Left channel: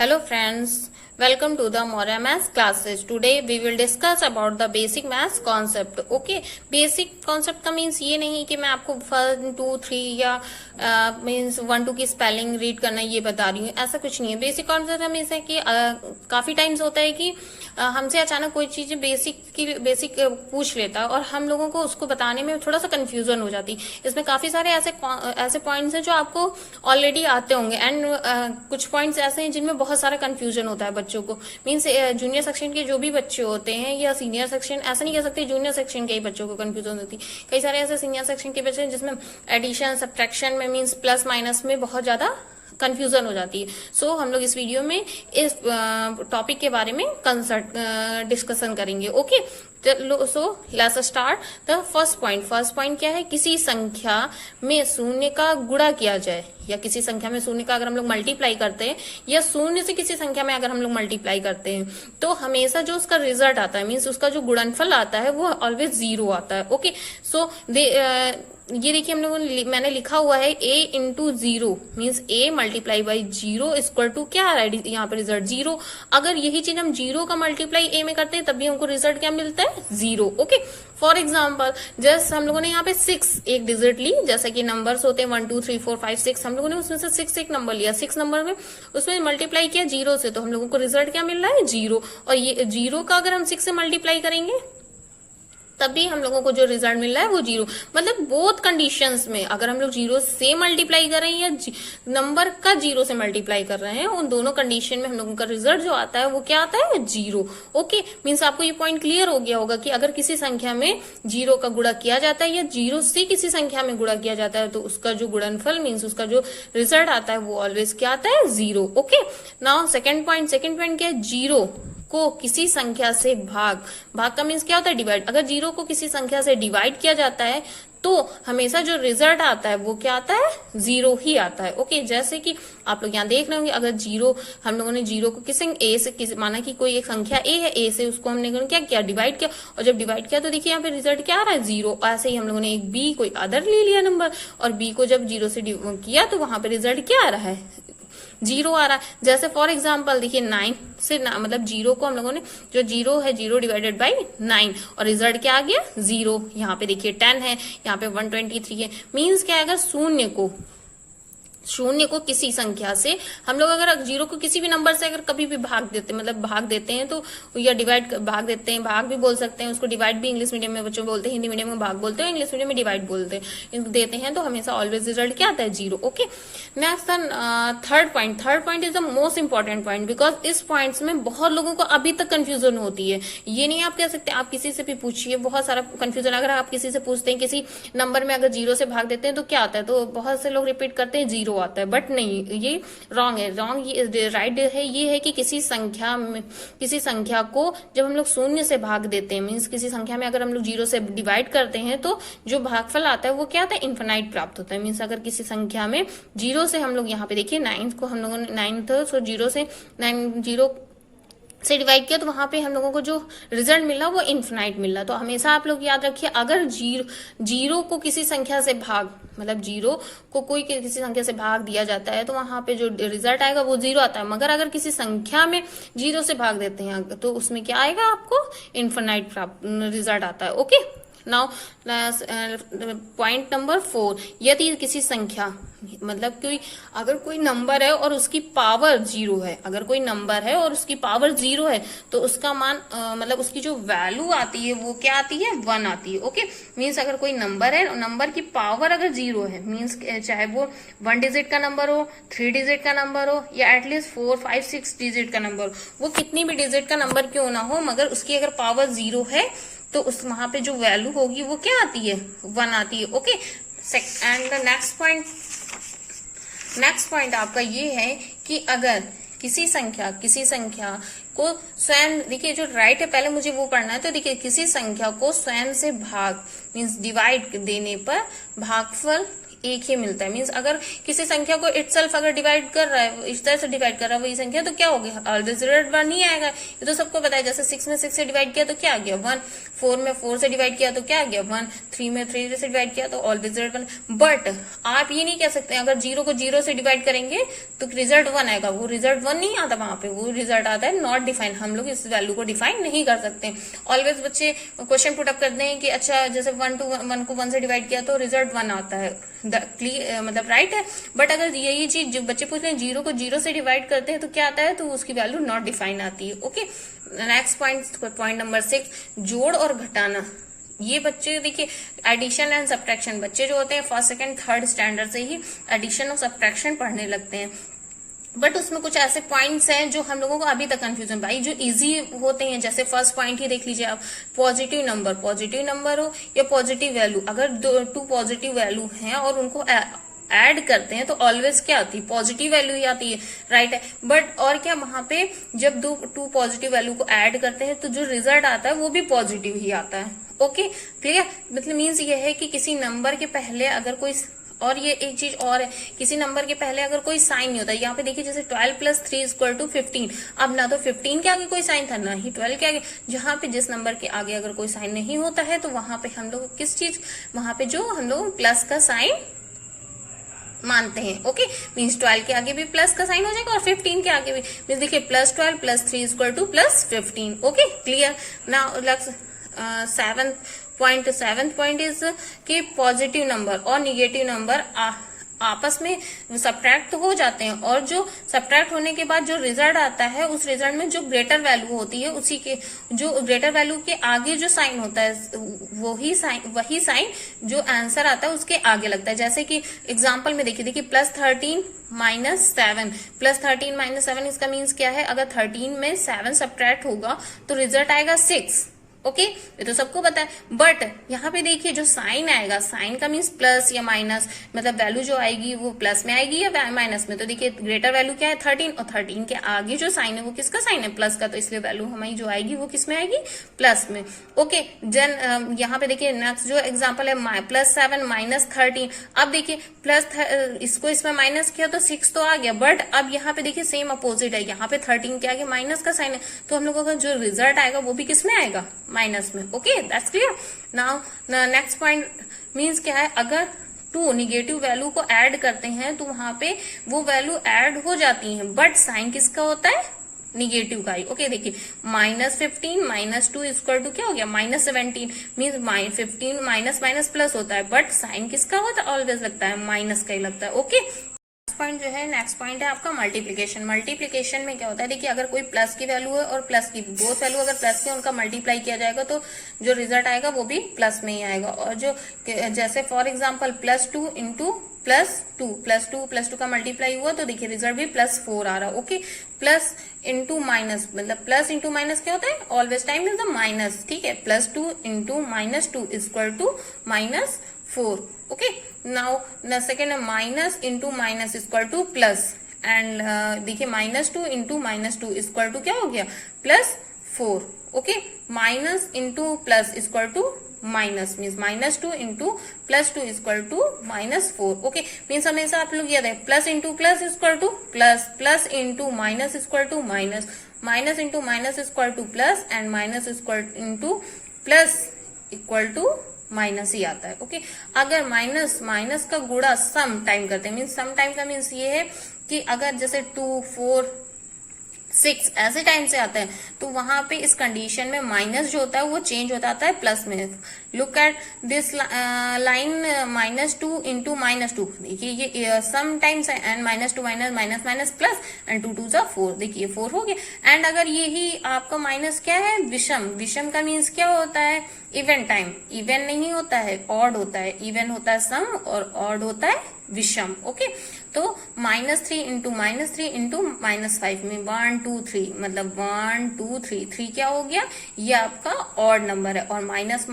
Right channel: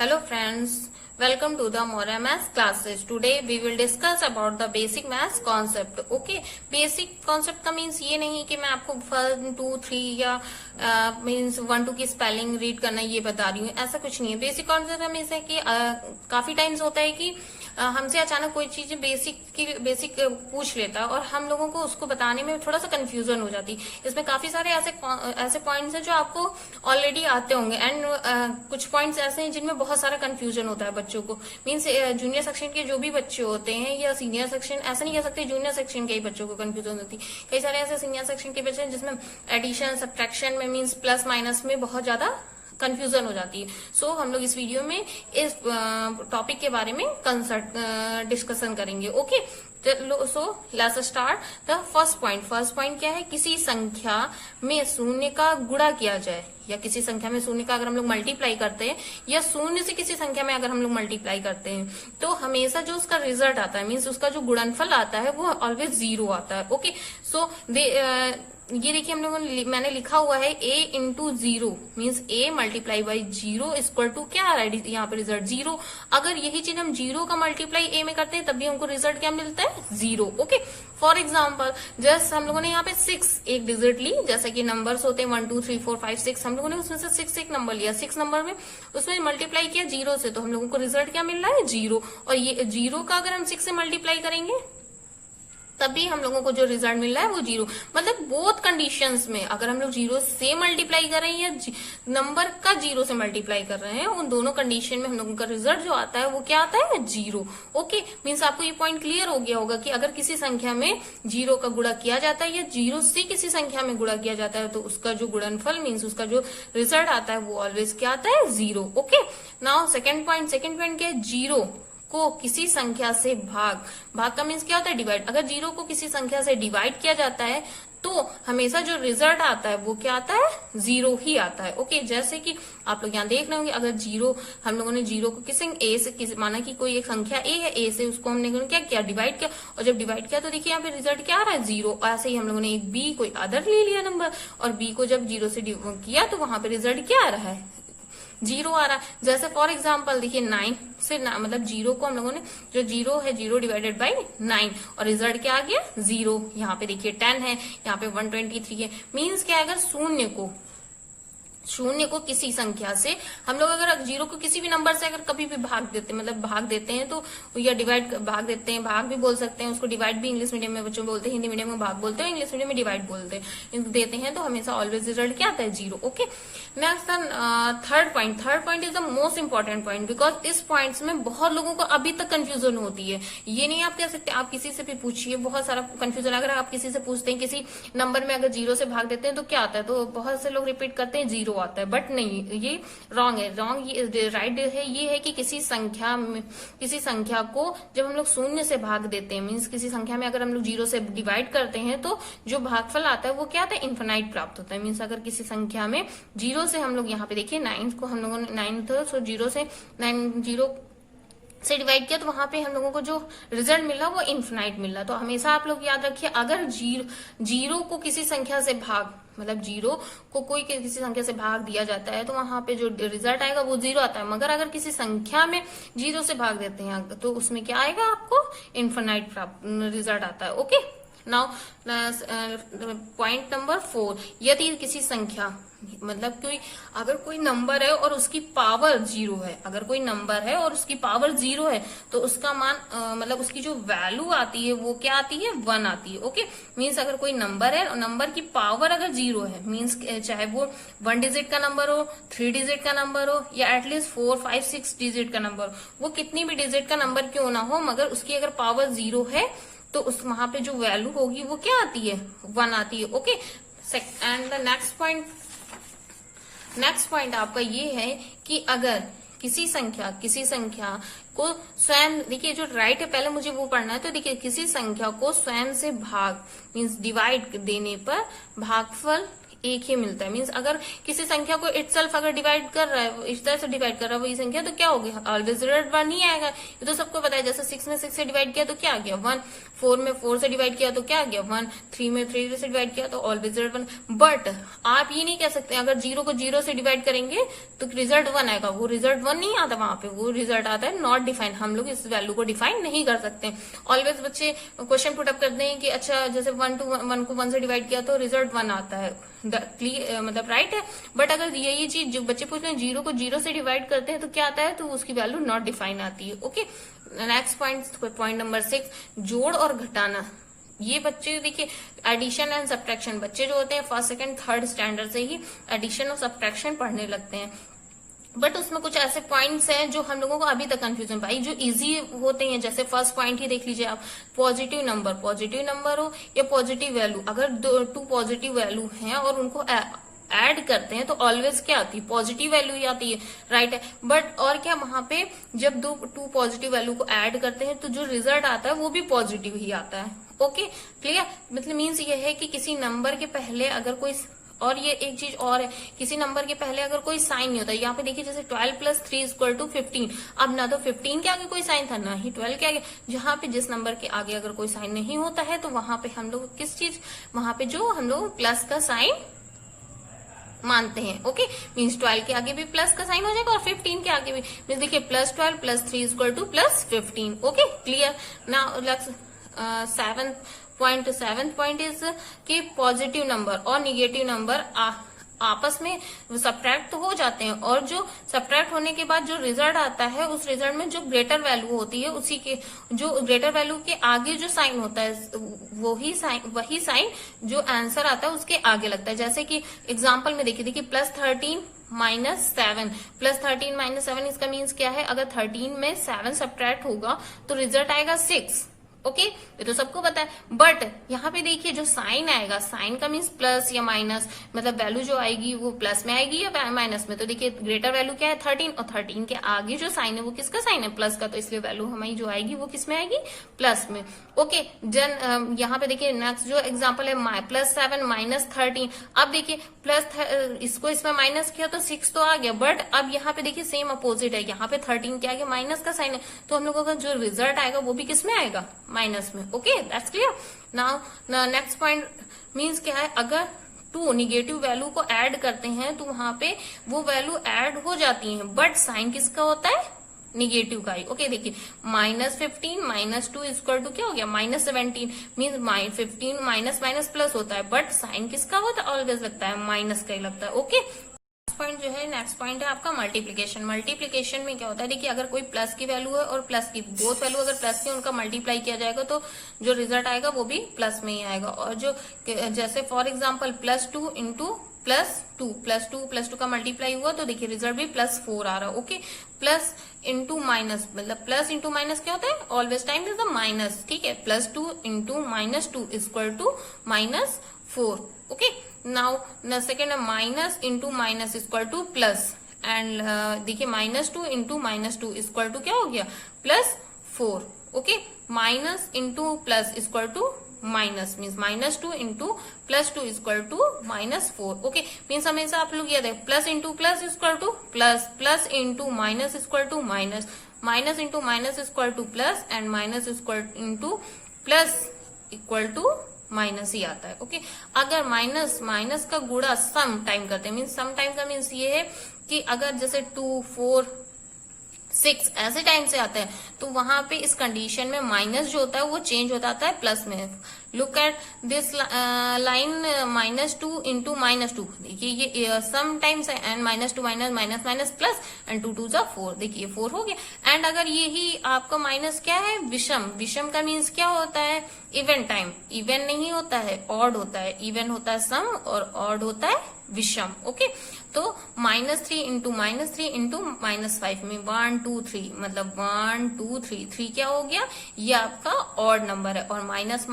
Hello friends, welcome to the Moria Maths classes. Today we will discuss about the basic maths concept. Okay, basic concept का means ये नहीं कि मैं आपको 1, 2, 3 या मीन्स 1, 2 की स्पेलिंग रीड करना ये बता रही हूँ, ऐसा कुछ नहीं है। बेसिक कॉन्सेप्ट हमेशा कि काफी टाइम्स होता है कि हमसे अचानक कोई चीज बेसिक पूछ लेता है और हम लोगों को उसको बताने में थोड़ा सा कंफ्यूजन हो जाती है। इसमें काफी सारे ऐसे पॉइंट्स हैं जो आपको ऑलरेडी आते होंगे एंड कुछ पॉइंट्स ऐसे हैं जिनमें बहुत सारा कंफ्यूजन होता है बच्चों को। मीन्स जूनियर सेक्शन के जो भी बच्चे होते हैं या सीनियर सेक्शन, ऐसा नहीं कह सकते जूनियर सेक्शन के ही बच्चों को कंफ्यूजन होती है। कई सारे ऐसे सीनियर सेक्शन के बच्चे हैं जिसमें एडिशन सब्ट्रैक्शन में मीन्स प्लस माइनस में बहुत ज्यादा कंफ्यूजन हो जाती है। सो हम लोग इस वीडियो में इस टॉपिक के बारे में डिस्कशन करेंगे। Okay, so let's start the first point. First point क्या है? किसी संख्या में शून्य का गुणा किया जाए या किसी संख्या में शून्य का अगर हम लोग मल्टीप्लाई करते हैं या शून्य से किसी संख्या में अगर हम लोग मल्टीप्लाई करते हैं तो हमेशा जो उसका रिजल्ट आता है मीन्स उसका जो गुणनफल आता है वो ऑलवेज 0 आता है। ओके, सो ये देखिए हम लोगों ने मैंने लिखा हुआ है a into 0 means a multiply by 0 equal to क्या आ रहा है यहाँ पे रिजल्ट 0। अगर यही चीज हम 0 का मल्टीप्लाई a में करते हैं तब भी हमको रिजल्ट क्या मिलता है? 0। ओके, फॉर एग्जाम्पल जस्ट हम लोगों ने यहाँ पे 6 एक डिजिट ली, जैसा कि नंबर्स होते हैं 1 2 3 4 5 6, हम लोगों ने उसमें से 6 एक नंबर लिया, 6 नंबर में उसमें मल्टीप्लाई किया 0 से, तो हम लोगों को रिजल्ट क्या मिल रहा है? 0। और ये 0 का अगर हम 6 से मल्टीप्लाई करेंगे तभी हम लोगों को जो रिजल्ट मिल रहा है वो 0। मतलब बोथ कंडीशंस में अगर हम लोग 0 से मल्टीप्लाई कर रहे हैं या नंबर का 0 से मल्टीप्लाई कर रहे हैं, उन दोनों कंडीशन में हम लोगों का रिजल्ट जो आता है वो क्या आता है? 0। ओके, मीन्स आपको ये पॉइंट क्लियर हो गया होगा कि अगर किसी संख्या में 0 का गुणा किया जाता है या 0 से किसी संख्या में गुणा किया जाता है तो उसका जो गुणनफल मीन्स उसका जो रिजल्ट आता है वो ऑलवेज क्या आता है? 0। ओके, नाउ सेकेंड पॉइंट क्या है? 0 को किसी संख्या से भाग का मीन्स क्या होता है? डिवाइड। अगर 0 को किसी संख्या से डिवाइड किया जाता है तो हमेशा जो रिजल्ट आता है वो क्या आता है? 0 ही आता है। ओके, जैसे कि आप लोग यहाँ देख रहे होंगे अगर 0 हम लोगों ने 0 को किसी a से माना कि कोई एक संख्या a है, a से उसको हमने क्या किया? डिवाइड किया, और जब डिवाइड किया तो देखिए यहाँ पे रिजल्ट क्या आ रहा है? 0। ऐसे ही हम लोगों ने एक b कोई अदर ले लिया नंबर और b को जब 0 से किया तो वहां पे रिजल्ट क्या आ रहा है? 0 आ रहा है। जैसे फॉर एग्जाम्पल देखिए 9 से मतलब 0 को हम लोगों ने जो 0 है 0 डिवाइडेड बाई 9 और रिजल्ट क्या आ गया? 0। यहाँ पे देखिए 10 है, यहाँ पे 123 है। मीन्स क्या आएगा? शून्य को किसी संख्या से हम लोग अगर 0 को किसी भी नंबर से अगर कभी भी भाग देते हैं तो या भाग देते हैं, भाग भी बोल सकते हैं उसको, डिवाइड भी इंग्लिश मीडियम में बच्चों बोलते हैं, हिंदी मीडियम में भाग बोलते हैं, इंग्लिश मीडियम में डिवाइड देते हैं तो हमेशा ऑलवेज रिजल्ट क्या आता है? 0। Okay, next third point is the most important point because इस पॉइंट्स में बहुत लोगों को अभी तक कंफ्यूजन होती है। ये नहीं आप कह सकते, आप किसी से भी पूछिए, बहुत सारा कंफ्यूजन। अगर आप किसी से पूछते हैं किसी नंबर में अगर 0 से भाग देते हैं तो क्या आता है, तो बहुत से लोग रिपीट करते हैं 0 आता है, बट नहीं, ये रॉन्ग है। ये राइट है, ये है कि किसी संख्या को जब हम लोग शून्य से भाग देते हैं मीन्स किसी संख्या में अगर हम लोग 0 से डिवाइड करते हैं तो जो भागफल आता है वो क्या आता है? इन्फिनाइट प्राप्त होता है। मीन्स अगर किसी संख्या में 0 से हम लोग यहाँ पे देखिए 9 को हम लोगों ने 9 सो 0 से डिवाइड किया तो वहां पे हम लोगों को जो रिजल्ट मिला वो इन्फिनाइट मिला। तो हमेशा आप लोग याद रखिए अगर 0 को किसी संख्या से मतलब 0 को कोई किसी संख्या से भाग दिया जाता है तो वहां पे जो रिजल्ट आएगा वो 0 आता है। मगर अगर किसी संख्या में 0 से भाग देते हैं तो उसमें क्या आएगा? आपको इन्फिनाइट रिजल्ट आता है। ओके, नाउ पॉइंट नंबर 4, यदि किसी संख्या मतलब अगर कोई नंबर है और उसकी पावर 0 है, अगर कोई नंबर है और उसकी पावर 0 है तो उसका मान मतलब उसकी जो वैल्यू आती है वो क्या आती है? 1 आती है। ओके, मीन्स अगर कोई नंबर है और नंबर की पावर अगर 0 है मीन्स चाहे वो 1 डिजिट का नंबर हो, 3 डिजिट का नंबर हो या एटलीस्ट 4 5 6 डिजिट का नंबर हो, वो कितनी भी डिजिट का नंबर क्यों ना हो, मगर उसकी अगर पावर 0 है तो उस वहां पे जो वैल्यू होगी वो क्या आती है? 1 आती है। Okay, and the next point आपका ये है कि अगर किसी संख्या को स्वयं, देखिए जो राइट है पहले मुझे वो पढ़ना है, तो देखिए किसी संख्या को स्वयं से भाग मीन्स डिवाइड देने पर भागफल एक ही मिलता है। मीन्स अगर किसी संख्या को इटसेल्फ अगर डिवाइड कर रहा है, इस तरह से डिवाइड कर रहा है वही संख्या, तो क्या होगी, ऑलवेज रिजल्ट 1 ही आएगा। ये तो सबको पता है। जैसे 6 में 6 से डिवाइड किया तो क्या आ गया 1, 4 में 4 से डिवाइड किया तो क्या आ गया 1, 3 में 3 से डिवाइड किया तो ऑलवेज रिजल्ट 1। बट आप ये नहीं कह सकते अगर 0 को 0 से डिवाइड करेंगे तो रिजल्ट 1 आएगा। वो रिजल्ट 1 नहीं आता वहां पे, वो रिजल्ट आता है नॉट डिफाइंड। हम लोग इस वैल्यू को डिफाइन नहीं कर सकते। ऑलवेज बच्चे क्वेश्चन पुट अप करते हैं कि अच्छा जैसे 1 को 1 से डिवाइड किया तो रिजल्ट 1 आता है, मतलब राइट है। बट अगर यही चीज जो बच्चे पूछ रहे हैं 0 को 0 से डिवाइड करते हैं तो क्या आता है, तो उसकी वैल्यू नॉट डिफाइन आती है। ओके, नेक्स्ट पॉइंट नंबर 6, जोड़ और घटाना। ये बच्चे देखिए एडिशन एंड सब्ट्रैक्शन, बच्चे जो होते हैं फर्स्ट सेकंड थर्ड स्टैंडर्ड से ही एडिशन और सब्ट्रैक्शन पढ़ने लगते हैं। बट उसमें कुछ ऐसे पॉइंट्स हैं जो हम लोगों को अभी तक कंफ्यूजन भाई जो इजी होते हैं। जैसे फर्स्ट पॉइंट ही देख लीजिए आप, पॉजिटिव नंबर हो या पॉजिटिव वैल्यू, अगर 2 पॉजिटिव वैल्यू हैं और उनको ऐड करते हैं तो ऑलवेज क्या आती है, पॉजिटिव वैल्यू ही आती है, राइट है। बट और क्या, वहां पे जब 2 पॉजिटिव वैल्यू को ऐड करते हैं तो जो रिजल्ट आता है वो भी पॉजिटिव ही आता है। ओके क्लियर, मतलब मीन्स ये है कि किसी नंबर के पहले अगर कोई, और ये एक चीज और है, किसी नंबर के पहले अगर कोई साइन नहीं होता, यहाँ पे देखिए जैसे 12 + 3 = 15, अब ना तो 15 के आगे कोई साइन था ना ही 12 के आगे। जहां पे जिस नंबर के आगे अगर कोई साइन नहीं होता है तो वहां पे हम लोग किस चीज, वहां पे जो हम लोग प्लस का साइन मानते हैं। ओके, मीन्स 12 के आगे भी प्लस का साइन हो जाएगा और 15 के आगे भी। मीन्स देखिए +12 + 3 = +15। Okay clear. Now seventh point is कि पॉजिटिव नंबर और निगेटिव नंबर आपस में सब्ट्रैक्ट तो हो जाते हैं, और जो सब्ट्रैक्ट होने के बाद जो रिजल्ट आता है उस रिजल्ट में जो ग्रेटर वैल्यू होती है उसी के, जो ग्रेटर वैल्यू के आगे जो साइन होता है वही साइन जो आंसर आता है उसके आगे लगता है। जैसे कि एग्जांपल में देखिए +13 - 7, +13 - 7 इसका मीन्स क्या है, अगर 13 में 7 सब्ट्रैक्ट होगा तो रिजल्ट आएगा 6। ओके, ये तो सबको पता है। बट यहाँ पे देखिए जो साइन आएगा, साइन का मीन्स प्लस या माइनस, मतलब वैल्यू जो आएगी वो प्लस में आएगी या माइनस में। तो देखिए ग्रेटर वैल्यू क्या है 13, और 13 के आगे जो साइन है वो किसका साइन है, प्लस का, तो इसलिए वैल्यू हमारी जो आएगी वो किस में आएगी, प्लस में। ओके, यहाँ पे देखिए नेक्स्ट जो एग्जाम्पल है +7 - 13। अब देखिए इसको इसमें माइनस किया तो 6 तो आ गया, बट अब यहाँ पे देखिए सेम अपोजिट है, यहाँ पे 13 के आगे माइनस का साइन है, तो हम लोगों का जो रिजल्ट आएगा वो भी किस में आएगा, माइनस में। Okay, that's clear. Now next point means क्या है, अगर 2 निगेटिव वैल्यू को ऐड करते हैं तो वहां पे वो वैल्यू ऐड हो जाती हैं, बट साइन किसका होता है, निगेटिव का ही। ओके देखिए -15 - 2 = क्या हो गया, -17। मीन्स 15 माइनस माइनस प्लस होता है, बट साइन किसका होता है, ऑलवेज लगता है माइनस का ही लगता है। ओके, पॉइंट जो है नेक्स्ट पॉइंट है आपका मल्टीप्लीकेशन। मल्टीप्लीकेशन में क्या होता है, देखिए अगर कोई प्लस की वैल्यू है और प्लस की बोथ वैल्यू अगर प्लस की उनका मल्टीप्लाई किया जाएगा तो जो रिजल्ट आएगा वो भी प्लस में ही आएगा। और जो जैसे फॉर एग्जांपल +2 + 2 का मल्टीप्लाई हुआ तो देखिए रिजल्ट भी +4 आ रहा है। ओके, प्लस इंटू माइनस, मतलब प्लस इंटू माइनस क्या होता है, always time is the minus. ठीक है, +2 × -2 = -4। Okay, now second minus into minus +, and देखिए -2 × -2 क्या हो गया, +4। Okay, minus into plus minus means -2 × +2 = -4। Okay, means हमेशा आप लोग याद है plus into plus plus, plus into minus minus, minus into minus plus, and minus into plus minus ही आता है। ओके, अगर माइनस का गुणा सम टाइम करते हैं, मीन्स सम टाइम का मीन्स ये है कि अगर जैसे 2, 4, 6 ऐसे टाइम से आता है तो वहां पे इस कंडीशन में माइनस जो होता है वो चेंज होता है प्लस में। लुक एट दिस लाइन -2 × -2, देखिए ये सम टाइम्स है, एंड -2 माइनस प्लस, एंड 2 2 4, देखिए 4 हो गया। एंड अगर यही आपका माइनस क्या है, विषम का मीन्स क्या होता है, इवन टाइम। इवन नहीं होता है, ऑड होता है। इवन होता है सम और ऑड होता है विषम। ओके, तो -3 × -5 में 1 2 3, मतलब 1 2 3, 3 क्या हो गया, ये आपका ऑड नंबर है, और माइनस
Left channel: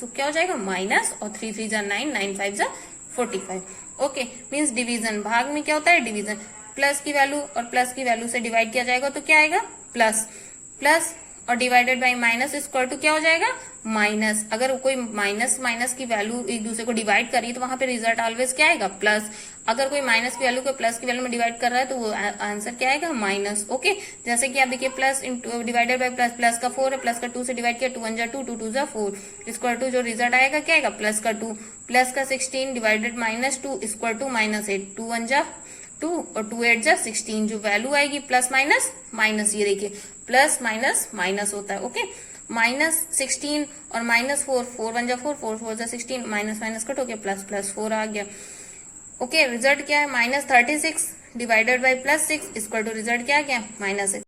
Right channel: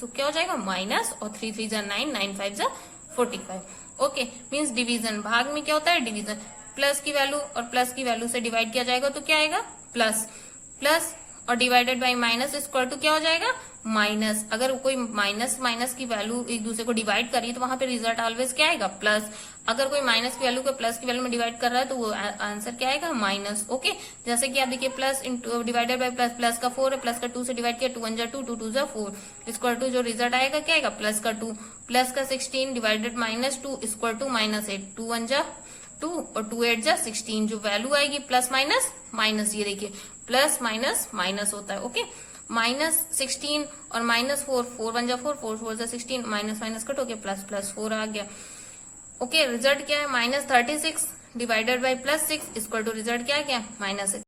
तो क्या हो जाएगा, माइनस, और 3 3 = 9, 9 5 = 45। ओके, मीन्स डिवीजन, भाग में क्या होता है, डिवीजन। प्लस की वैल्यू और प्लस की वैल्यू से डिवाइड किया जाएगा तो क्या आएगा, प्लस, और divided by minus equal to क्या हो जाएगा, माइनस। अगर कोई माइनस माइनस की वैल्यू एक दूसरे को डिवाइड कर रही है तो वहां पे रिजल्ट ऑलवेज क्या आएगा, प्लस। अगर कोई माइनस की वैल्यू को प्लस की वैल्यू में डिवाइड कर रहा है तो वो आंसर क्या आएगा, माइनस। ओके, जैसे कि आप देखिए plus divided by plus, plus का 4 है, प्लस का 2 से डिवाइड किया, 2 1 जा 2, 2 2 जा 4 इक्वल टू जो रिजल्ट आएगा क्या आएगा, प्लस का 2, प्लस का 16 divided minus 2 equal to minus 8, 2 1 जा 2 और 2 8 जा 16, जो वैल्यू आएगी प्लस माइनस माइनस, ये देखिए प्लस माइनस माइनस होता है। ओके, माइनस 16 और माइनस 4, 4 1 जा 4, 4 4 जा 16, माइनस माइनस कट हो गया, प्लस प्लस 4 आ गया। ओके, रिजल्ट क्या है, minus 36 divided by plus 6 equal to result क्या आ गया, माइनस 6।